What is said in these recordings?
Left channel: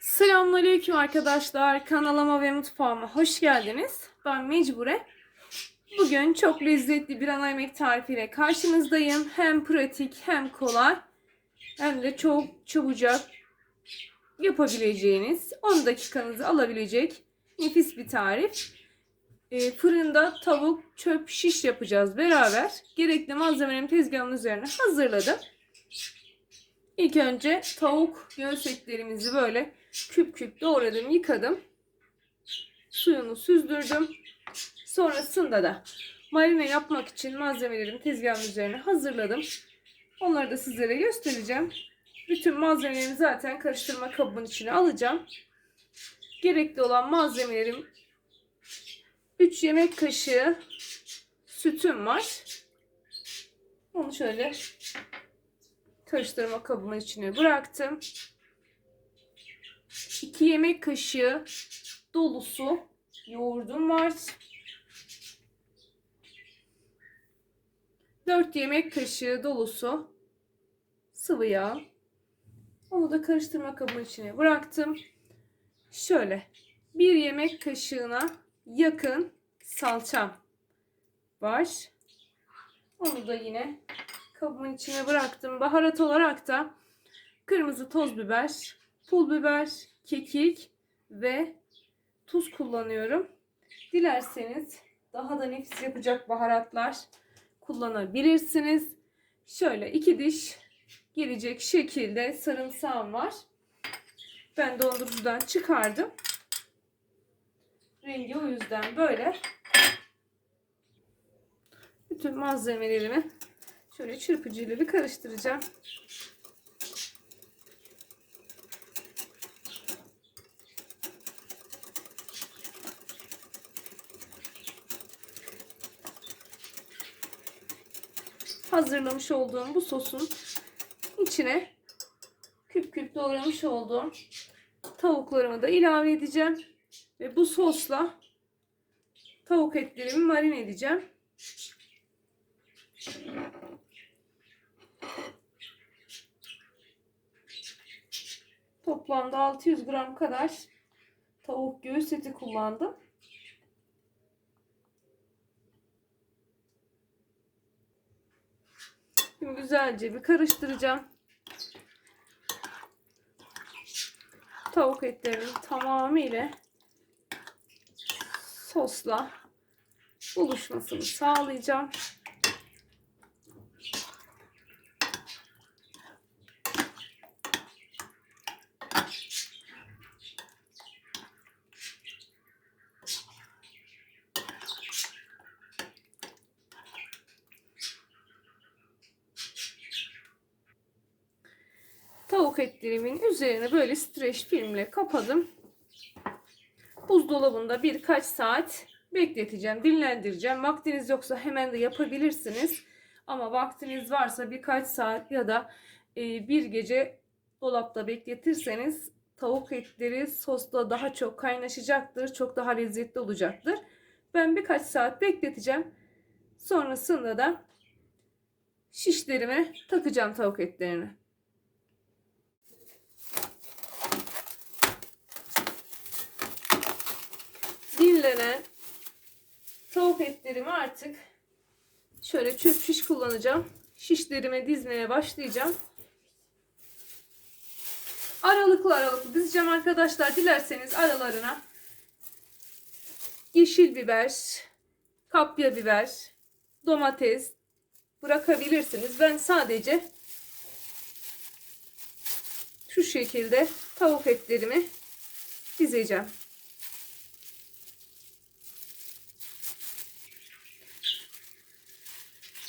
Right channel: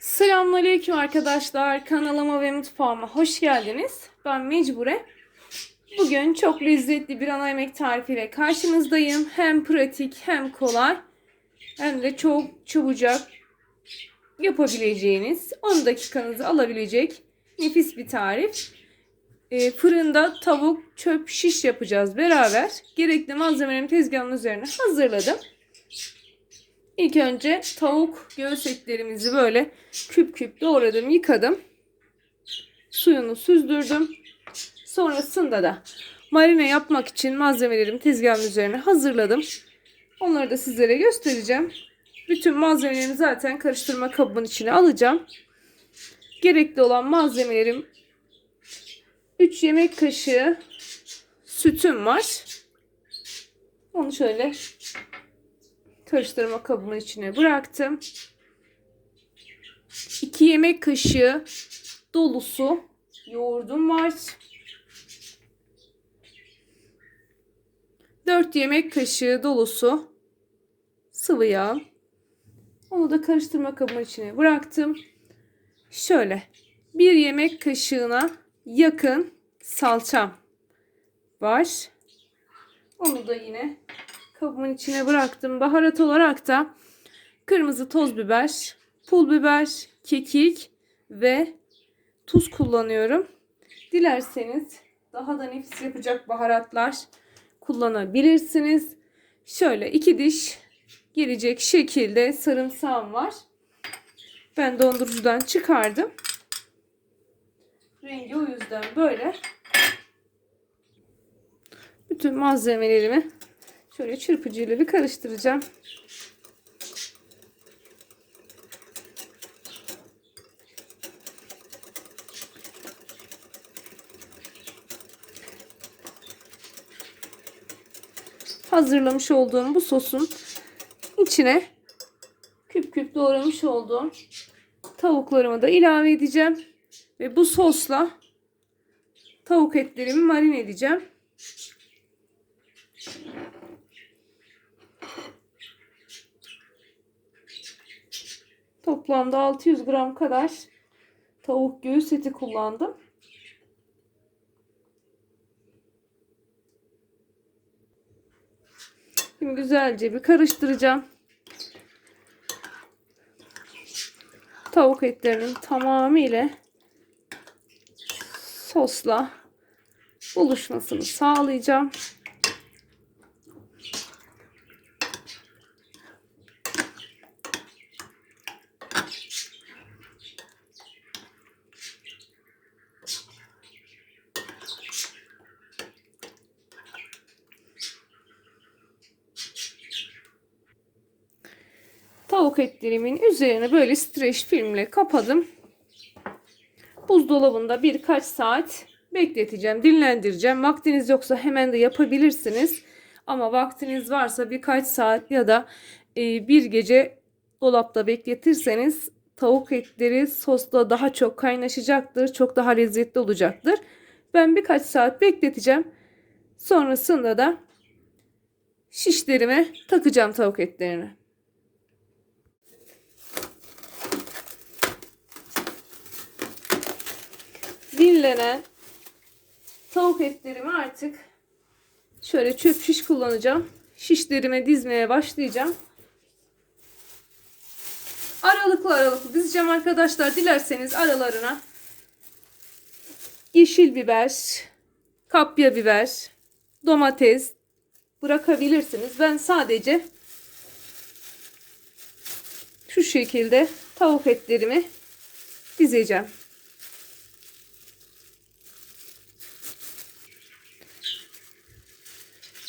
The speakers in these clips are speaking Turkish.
Selamünaleyküm arkadaşlar. Kanalıma ve mutfağıma hoş geldiniz. Ben Mecbure. Bugün çok lezzetli bir ana yemek tarifiyle karşınızdayım. Hem pratik hem kolay hem de çok çabucak yapabileceğiniz 10 dakikanızı alabilecek nefis bir tarif. Ee, fırında tavuk çöp şiş yapacağız beraber. Gerekli malzemelerimi tezgahımın üzerine hazırladım. İlk önce tavuk göğüs etlerimizi böyle küp küp doğradım, yıkadım. Suyunu süzdürdüm. Sonrasında da marine yapmak için malzemelerimi tezgahın üzerine hazırladım. Onları da sizlere göstereceğim. Bütün malzemelerimi zaten karıştırma kabımın içine alacağım. Gerekli olan malzemelerim 3 yemek kaşığı sütüm var. Onu şöyle karıştırma kabımın içine bıraktım. 2 yemek kaşığı dolusu yoğurdum var. 4 yemek kaşığı dolusu sıvı yağ. Onu da karıştırma kabımın içine bıraktım. Şöyle 1 yemek kaşığına yakın salçam var. Onu da yine kabımın içine bıraktım. Baharat olarak da kırmızı toz biber, pul biber, kekik ve tuz kullanıyorum. Dilerseniz daha da nefis yapacak baharatlar kullanabilirsiniz. Şöyle iki diş gelecek şekilde sarımsağım var. Ben dondurucudan çıkardım. Rengi o yüzden böyle. Bütün malzemelerimi şöyle çırpıcıyla bir karıştıracağım. hazırlamış olduğum bu sosun içine küp küp doğramış olduğum tavuklarımı da ilave edeceğim. Ve bu sosla tavuk etlerimi marine edeceğim. Toplamda 600 gram kadar tavuk göğüs eti kullandım. Şimdi güzelce bir karıştıracağım. Tavuk etlerinin tamamıyla sosla buluşmasını sağlayacağım. Tavuk etlerimin üzerine böyle streç filmle kapadım. Buzdolabında birkaç saat bekleteceğim, dinlendireceğim. Vaktiniz yoksa hemen de yapabilirsiniz. Ama vaktiniz varsa birkaç saat ya da e, bir gece dolapta bekletirseniz tavuk etleri sosla daha çok kaynaşacaktır. Çok daha lezzetli olacaktır. Ben birkaç saat bekleteceğim. Sonrasında da şişlerime takacağım tavuk etlerini. Dinlenen tavuk etlerimi artık şöyle çöp şiş kullanacağım. Şişlerime dizmeye başlayacağım. Aralıklı aralıklı dizeceğim arkadaşlar. Dilerseniz aralarına yeşil biber, kapya biber, domates bırakabilirsiniz. Ben sadece şu şekilde tavuk etlerimi dizeceğim.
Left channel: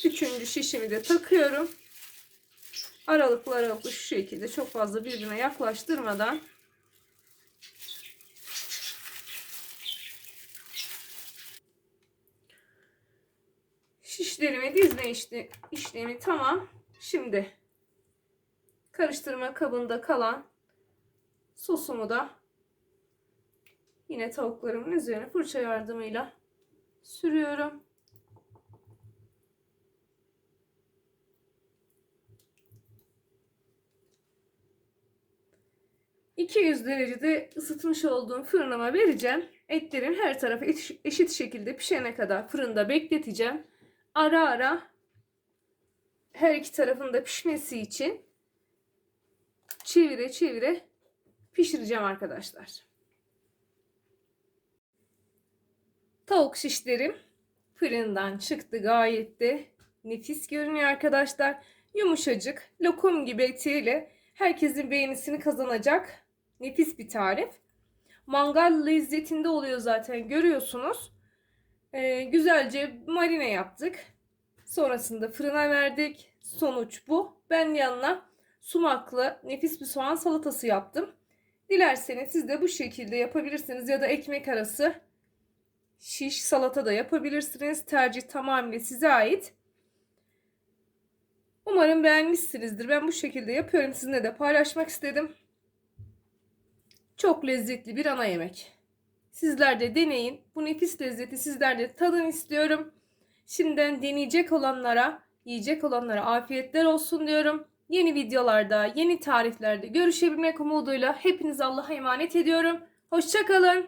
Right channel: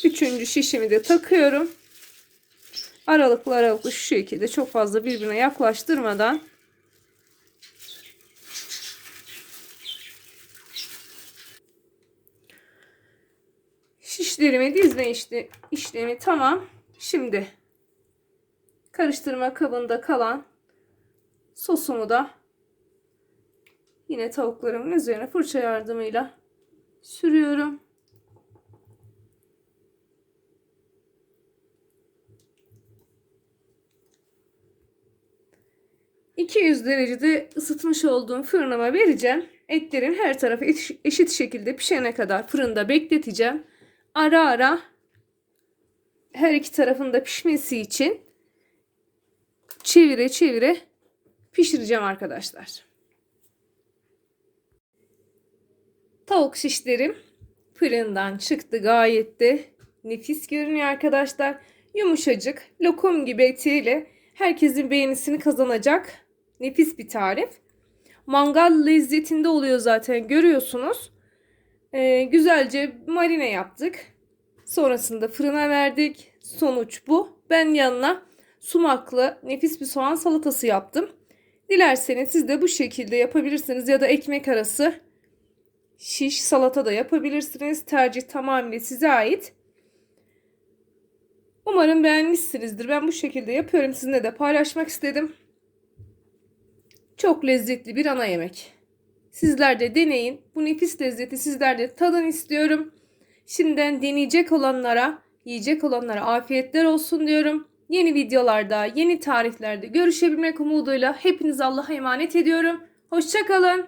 Üçüncü şişimi de takıyorum. Aralıklı aralıklı şu şekilde çok fazla birbirine yaklaştırmadan şişlerimi dizme işte, işlemi tamam. Şimdi karıştırma kabında kalan sosumu da yine tavuklarımın üzerine fırça yardımıyla sürüyorum. 200 derecede ısıtmış olduğum fırınıma vereceğim. Etlerin her tarafı eş- eşit şekilde pişene kadar fırında bekleteceğim. Ara ara her iki tarafında pişmesi için çevire çevire pişireceğim arkadaşlar. Tavuk şişlerim fırından çıktı gayet de nefis görünüyor arkadaşlar. Yumuşacık lokum gibi etiyle herkesin beğenisini kazanacak nefis bir tarif. Mangal lezzetinde oluyor zaten görüyorsunuz. Ee, güzelce marine yaptık. Sonrasında fırına verdik. Sonuç bu. Ben yanına sumaklı nefis bir soğan salatası yaptım. Dilerseniz siz de bu şekilde yapabilirsiniz ya da ekmek arası şiş salata da yapabilirsiniz. Tercih tamamen size ait. Umarım beğenmişsinizdir. Ben bu şekilde yapıyorum. Sizinle de paylaşmak istedim. Çok lezzetli bir ana yemek. Sizler de deneyin. Bu nefis lezzeti sizler de tadın istiyorum. Şimdiden deneyecek olanlara, yiyecek olanlara afiyetler olsun diyorum. Yeni videolarda, yeni tariflerde görüşebilmek umuduyla hepinizi Allah'a emanet ediyorum. Hoşçakalın.